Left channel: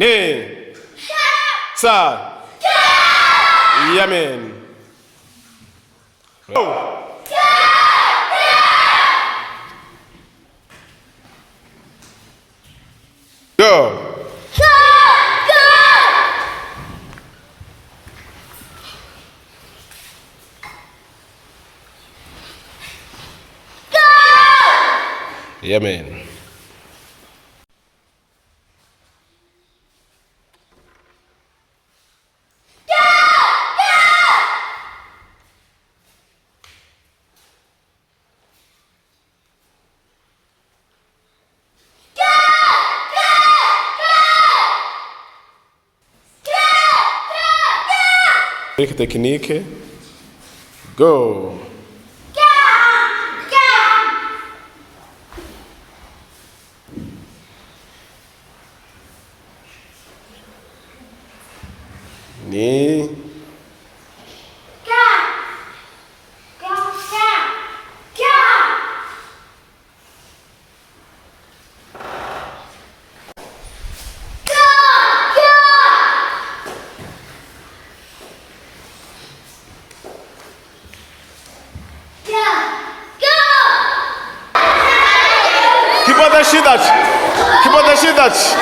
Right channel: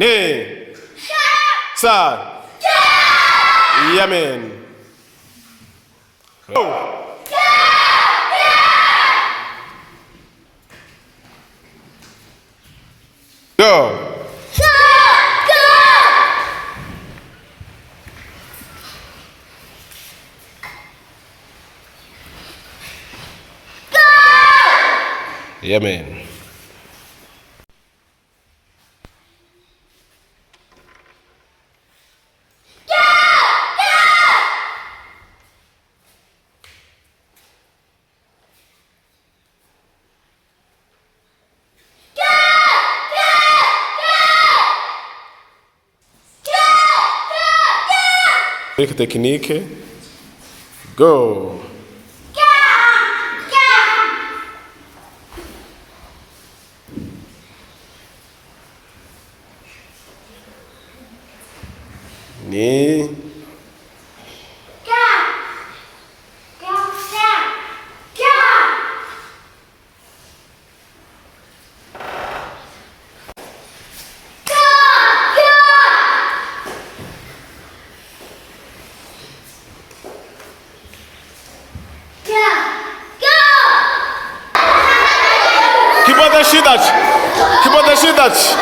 Ne. Sa. Amen. Go. Go. Amen. Technique. Go. Ni. Kibada shidać.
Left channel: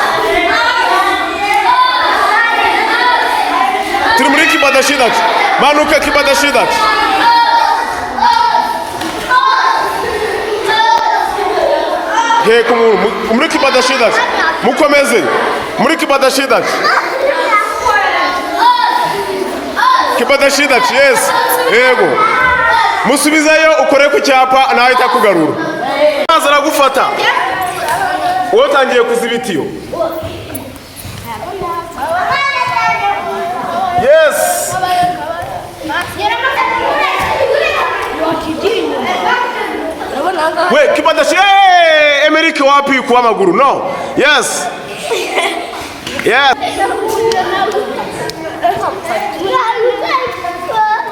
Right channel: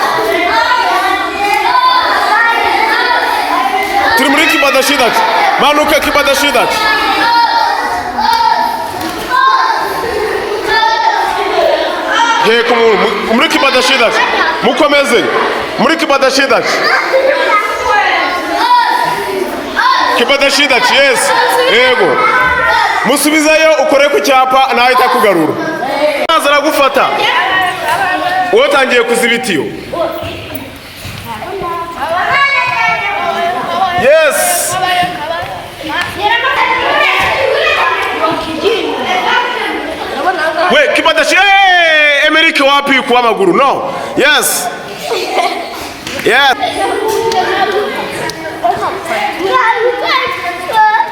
Trimuri kibada shidać. Manuka kibada shidać. Muri kibada shidać. Mukomeze. Muri kibada shidać. Kibada shidać. Yes. Yego. Musubizayo ukore ku cyapa nawe itakugarura. Azara gufata. Wotangiye kuzibitiyo. Yes. We kibadashi Amerika wapi kwa maguru? No. Yes. Yes.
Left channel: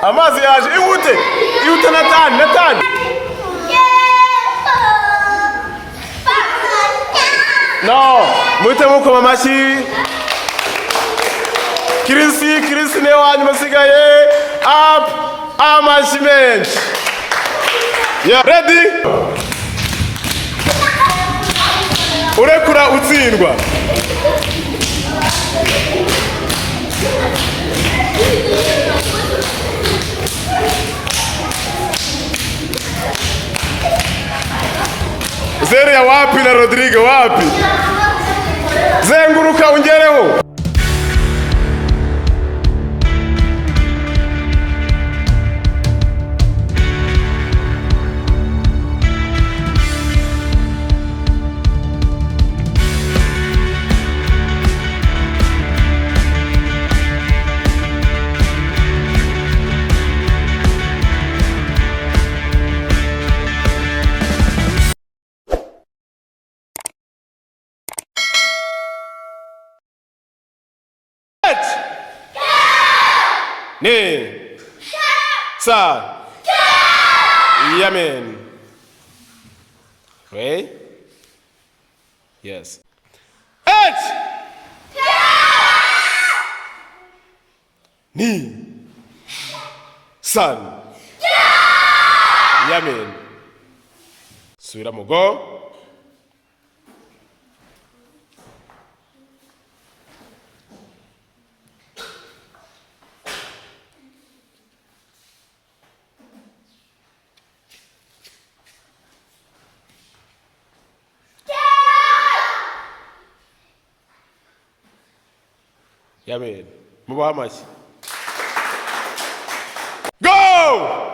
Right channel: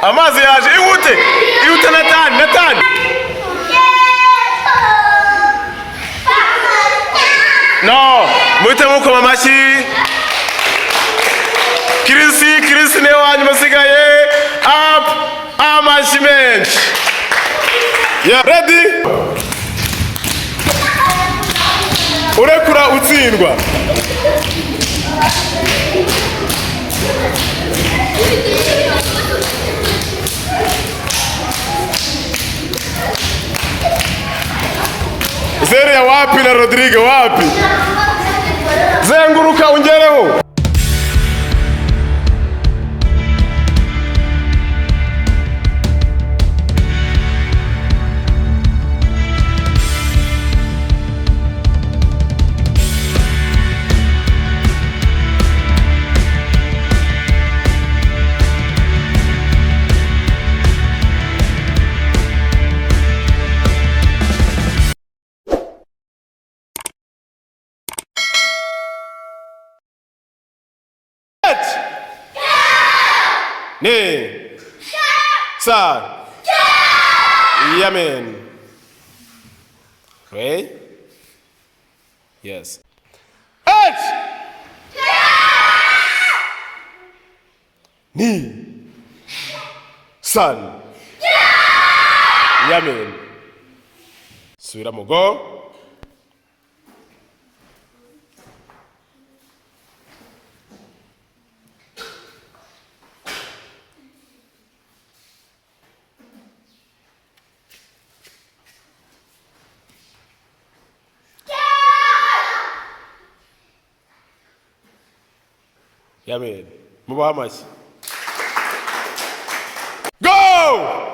Amazi yaje iwute Nathan. No, muite muko mamashi. Kirisi ne wanyu masigaye up amashiment. Yeah, ready? Urekura utsindwa. Zeria wapi na Rodrigo wapi? Zenguruka ungereho. Ne. Sa. Amen. Okay? Yes. Ni. San. Amen. Subira mu go. Amen. Mubaha amashyi. Go!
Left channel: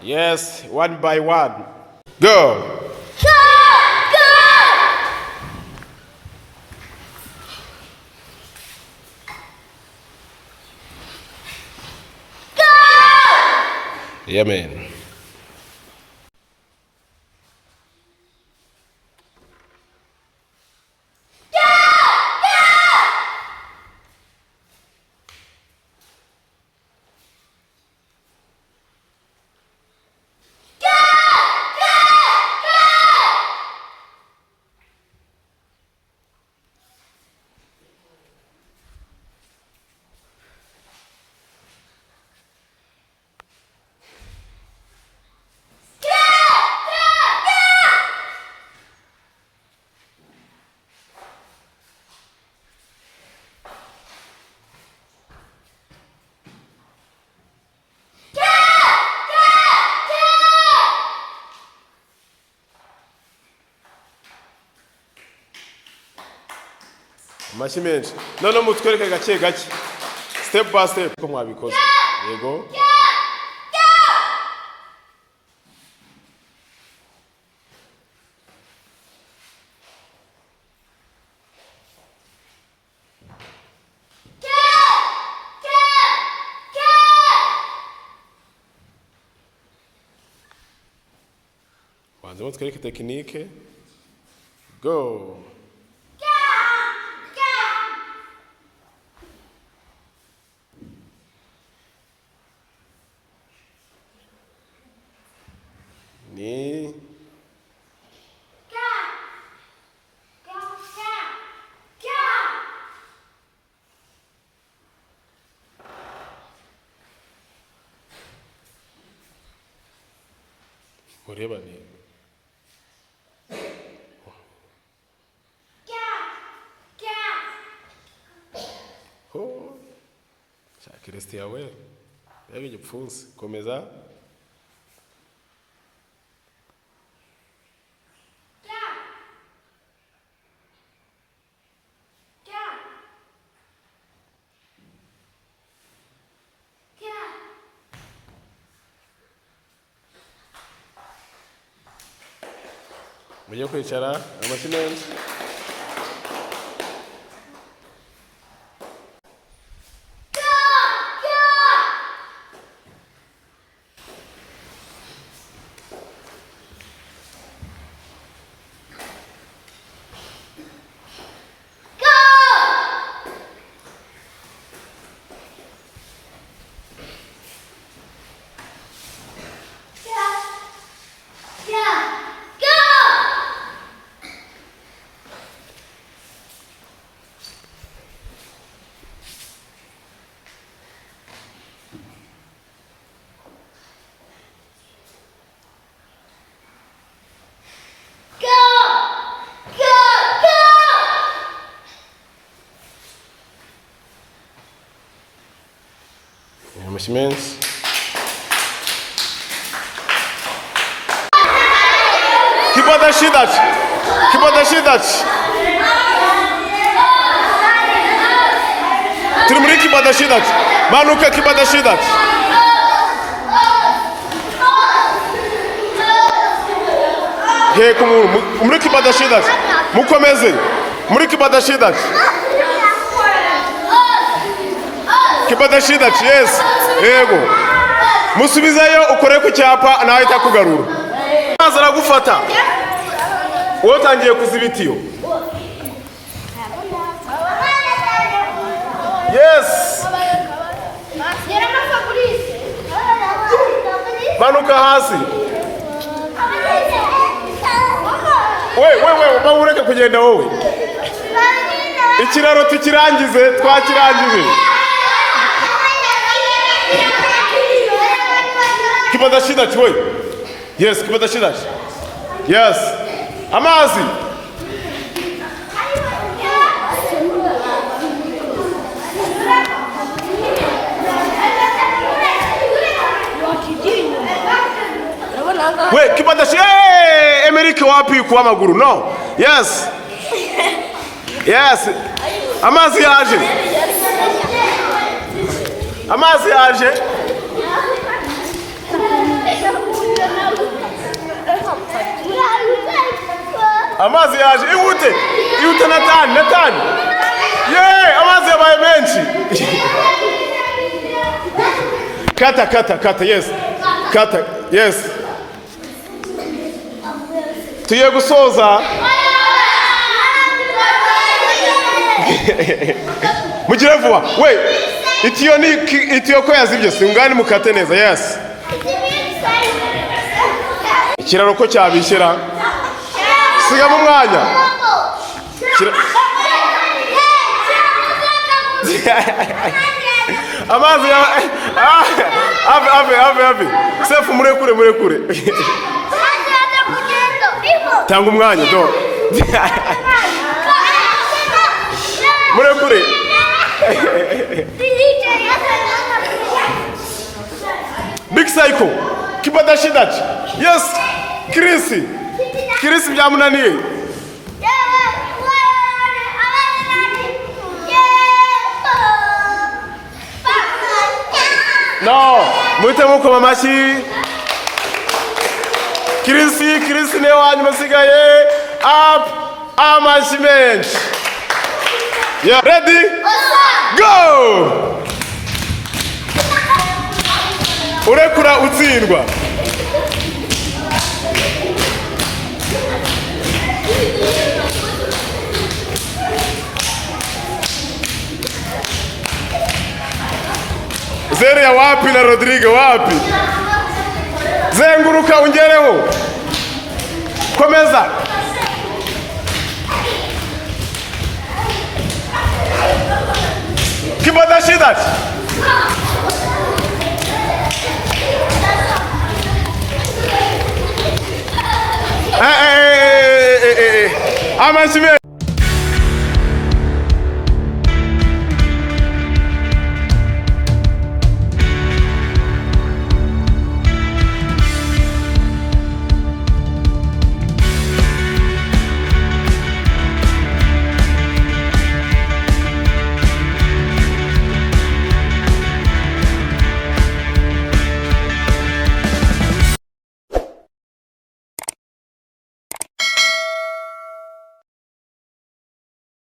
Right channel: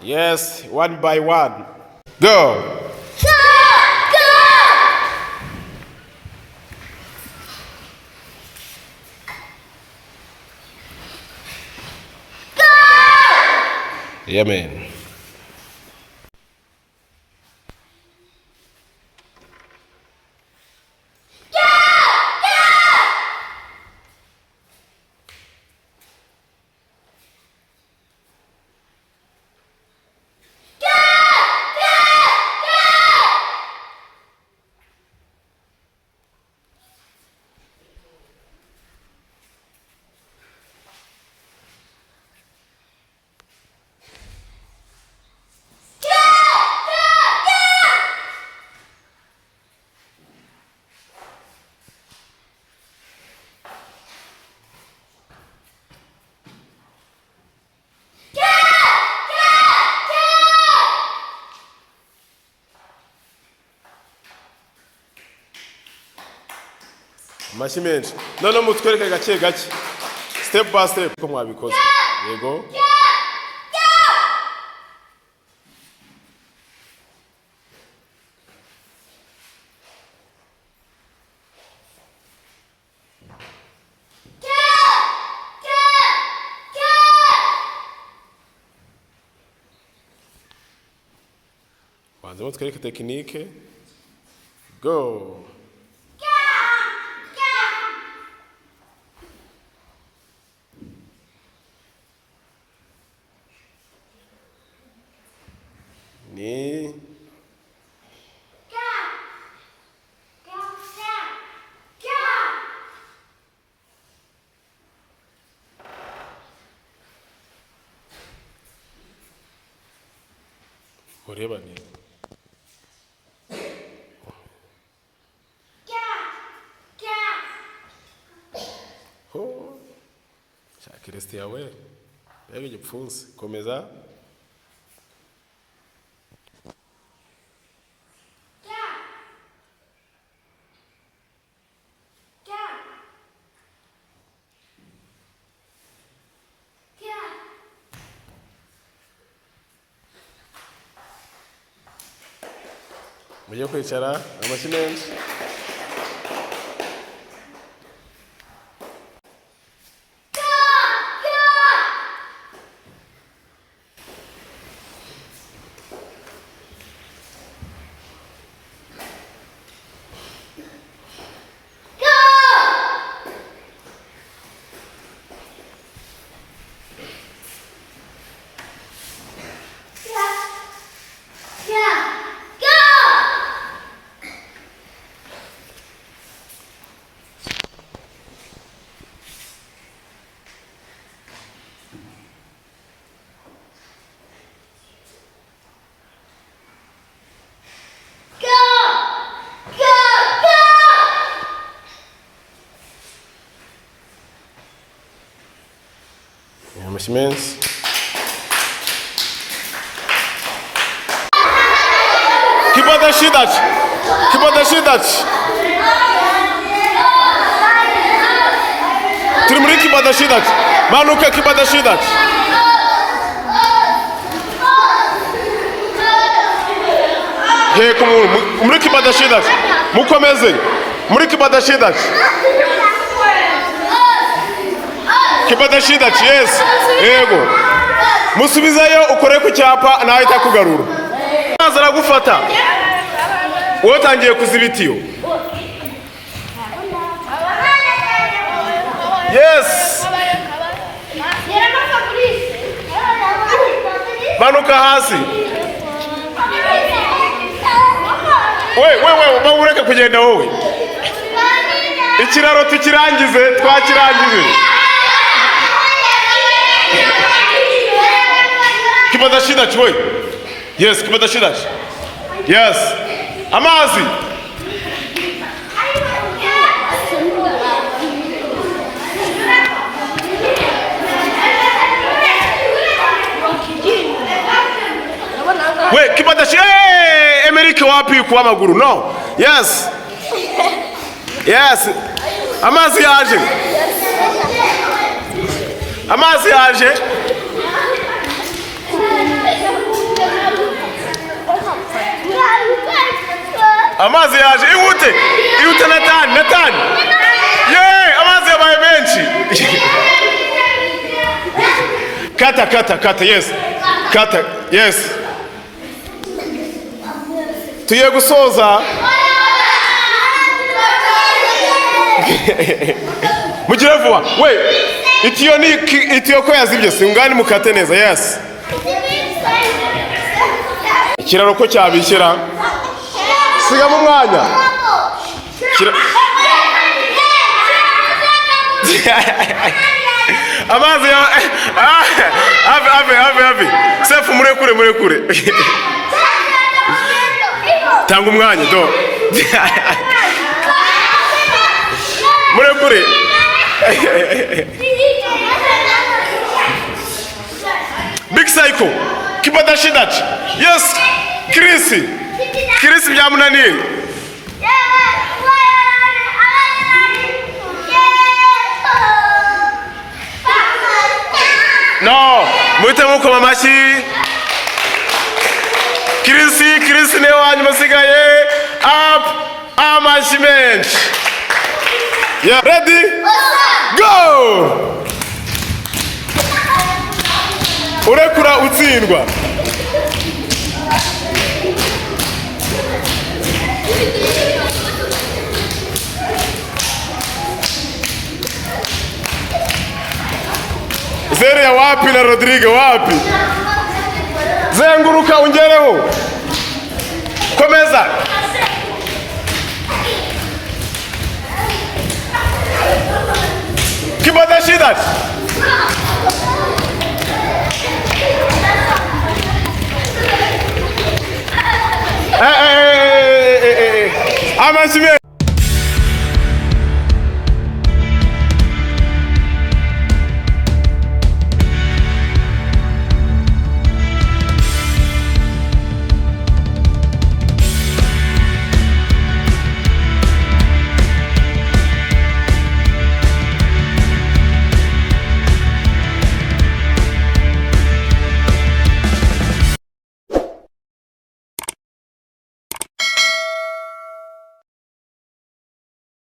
Yes, one by one. Go! Amen. Amashyi menshi. None mutwereke gake gake. Step by step ko mwabikoze. Yego. Wanze mutwereke tekinike. Go. Ni mureba ni ho shakireste yawe bege gipfunsi komeza mujye kwicara amashyi menshi. Amashyi menshi. Kibadashidach. Turi muri kibadashidach. Manuka kibadashidach. Yego muri kibadashidach. Mukomeze. Muri kibadashidach. Kibadashidach, yes. Yego. Musubizayo ukore ku cyapa nawe itakugarura. Maze aragufata. Wowe tangiye kuzibitiyo. Yes. Manuka hasi. We, mawureke kugenda wowe. Ikiraro tukirangize, twakirangije. Kibadashidach, we. Yes, kibadashidach. Yes. Amazi. We, kibadashi. Hey, Amerika wapi kwa maguru? No. Yes. Yes. Amazi yaje. Amazi yaje. Amazi yaje. Iwute Nathan. Yeah, amazi yabaye menshi. Kata, yes. Kata, yes. Tuye gusoza. Mugire vuba. We, itiyo ko yazibye singani mukate neza. Yes. Ikiraro ko cyabishyira. Siga mu mwanya. Amazi ya ave. Sefu murekure. Tanga umwanya do. Murekure. Big Psycho. Kibadashidach. Yes. Chris byamunaniye. No, muhite mukoma amashyi. Kirisi niwe wanyuma usigaye. Up, amashyi menshi. Yeah, ready? Go! Urekura utsindwa. Zeria wapi na Rodrigo wapi? Zenguruka ungereho. Komeza. Kibada shidat. Amashime.